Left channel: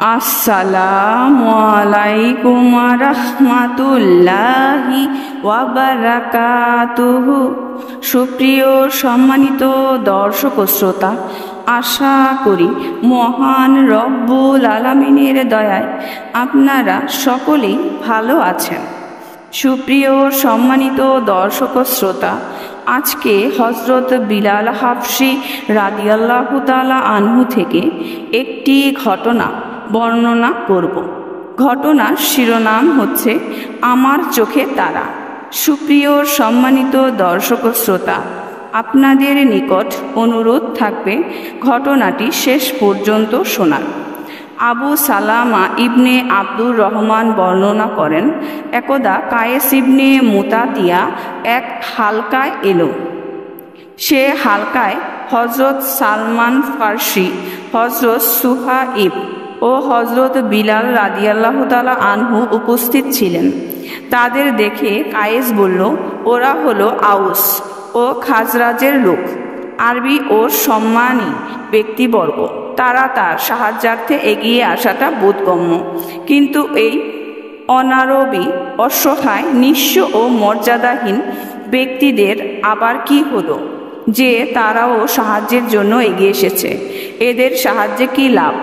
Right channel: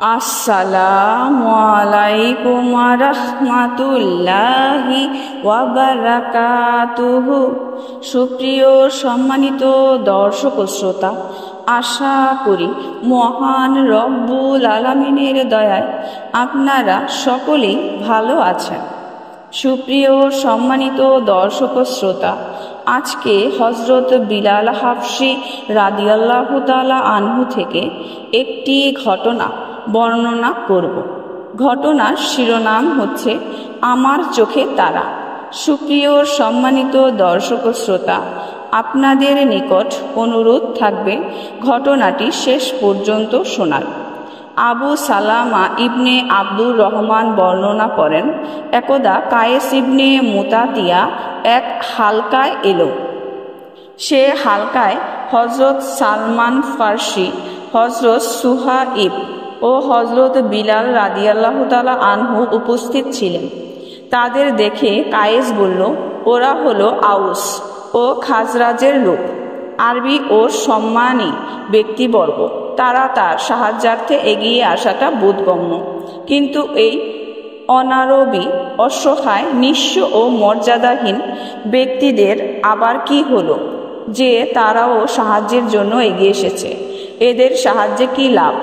আসসালামু আলাইকুম রাহমাতুল্লাহি ওয়া বারাকাতুহু। সুপ্রিয় সম্মানিত দর্শক ও শ্রোতা, আশা করি মহান রব্বুল আলামিনের দয়ায় আপনারা সকলেই ভালো আছেন। সুপ্রিয় সম্মানিত দর্শক ও শ্রোতা, আজকে হযরত বিলাল হাবশী রাদিয়াল্লাহু তাআলা আনহু থেকে একটি ঘটনা বর্ণনা করব। ঘটনার শিরোনাম হচ্ছে আমার চোখে তারা। সুপ্রিয় সম্মানিত দর্শক ও শ্রোতা, আপনাদের নিকট অনুরোধ থাকবে ঘটনাটি শেষ পর্যন্ত শোনার। আবু সালামা ইবনে আব্দুর রহমান বর্ণনা করেন, একদা কায়েস ইবনে মুতাতিয়া এক হালকায় এলো। সে হালকায় হযরত সালমান ফার্সি, হযরত সুহাইব ও হযরত বিলাল রাদিয়াল্লাহু তাআলা আনহু উপস্থিত ছিলেন। তাদের দেখে কায়েস বলল, ওরা হলো আউস ও খাজরাজের লোক, আরবি ও সম্মানী ব্যক্তিবর্গ। তারা তার সাহায্যার্থে এগিয়ে আসাটা বোধগম্য, কিন্তু এই অনারবি, অসহায়, নিঃস্ব ও মর্যাদাহীন ব্যক্তিদের আবার কি হলো যে তারাও সাহায্যের জন্য এগিয়ে এসেছে? এদের সাহায্যে কি লাভ?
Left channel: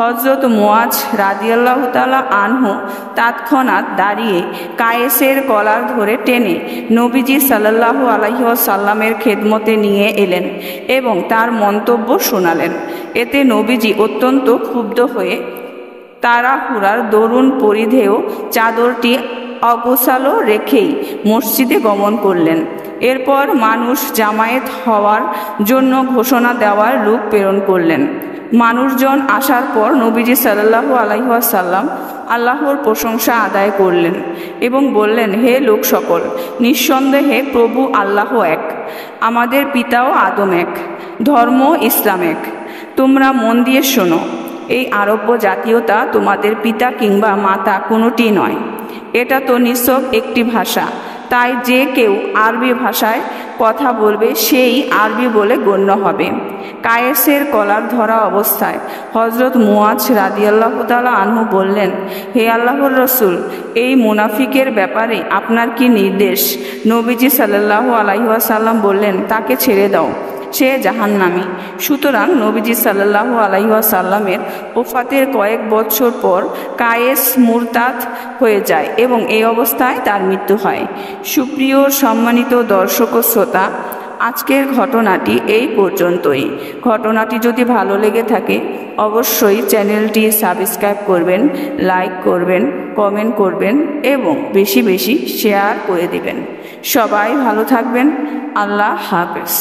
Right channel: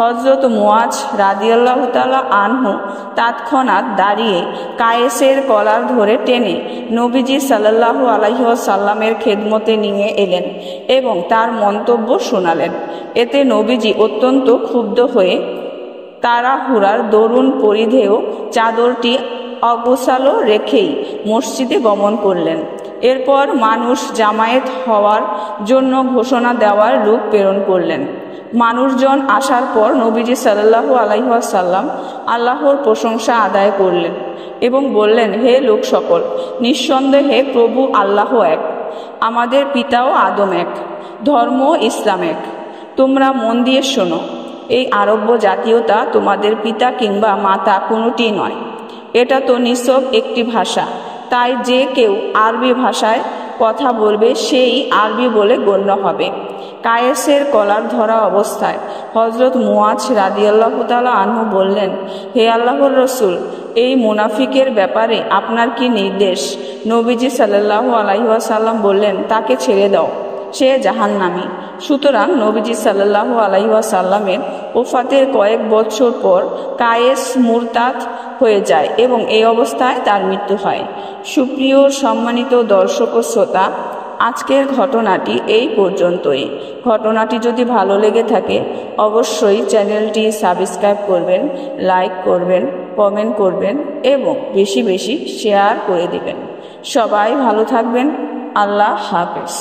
হযরত মুআজ রাদিয়াল্লাহু তাআলা আনহু তৎক্ষণাৎ দাঁড়িয়ে কায়েসের কলার ধরে টেনে নবীজি সাল্লাল্লাহু আলাইহি ওয়াসাল্লামের খেদমতে নিয়ে এলেন এবং তার মন্তব্য শোনালেন। এতে নবীজি অত্যন্ত ক্ষুব্ধ হয়ে তাড়াহুড়ার দরুন পরিধেয় চাদরটি অগোছালো রেখেই মসজিদে গমন করলেন। এরপর মানুষ জামায়াত হওয়ার জন্য ঘোষণা দেওয়ার লোক প্রেরণ করলেন। মানুষজন আসার পর নবীজি সাল্লাল্লাহু আলাইহি ওয়াসাল্লাম আল্লাহর প্রশংসা আদায় করলেন এবং বললেন, হে লোক সকল, নিঃসন্দেহে প্রভু আল্লাহ এক, আমাদের পিতাও আদম এক, ধর্ম ইসলাম এক। তোমরা মন দিয়ে শোনো, এই আরব্য জাতীয়তা তোমাদের পিতা কিংবা মাতা কোনোটি নয়। এটা তো নিছক একটি ভাষা, তাই যে কেউ আরবি ভাষায় কথা বলবে সেই আরবি বলে গণ্য হবে। কায়েসের কলার ধরা অবস্থায় হযরত মুআজ রাদিয়াল্লাহু তাআলা আনহু বললেন, হে আল্লাহর রাসূল, এই মুনাফিকের ব্যাপারে আপনার কি নির্দেশ? নবীজি সাল্লাল্লাহু আলাইহি ওয়াসাল্লাম বললেন, তাকে ছেড়ে দাও, সে জাহান্নামী। সুতরাং নবীজি সাল্লাল্লাহু আলাইহি ওয়াসাল্লামের ওফাতের কয়েক বছর পর কায়েস মুরতাদ হয়ে যায় এবং এই অবস্থায় তার মৃত্যু হয়। সুপ্রিয় সম্মানিত দর্শক ও শ্রোতা, আজকের ঘটনাটি এই পর্যন্তই। ঘটনাটি যদি ভালো লেগে থাকে অবশ্যই চ্যানেলটি সাবস্ক্রাইব করবেন, লাইক করবেন, কমেন্ট করবেন এবং বেশি বেশি শেয়ার করে দেবেন। সবাই ভালো থাকবেন। আল্লাহ হাফেজ।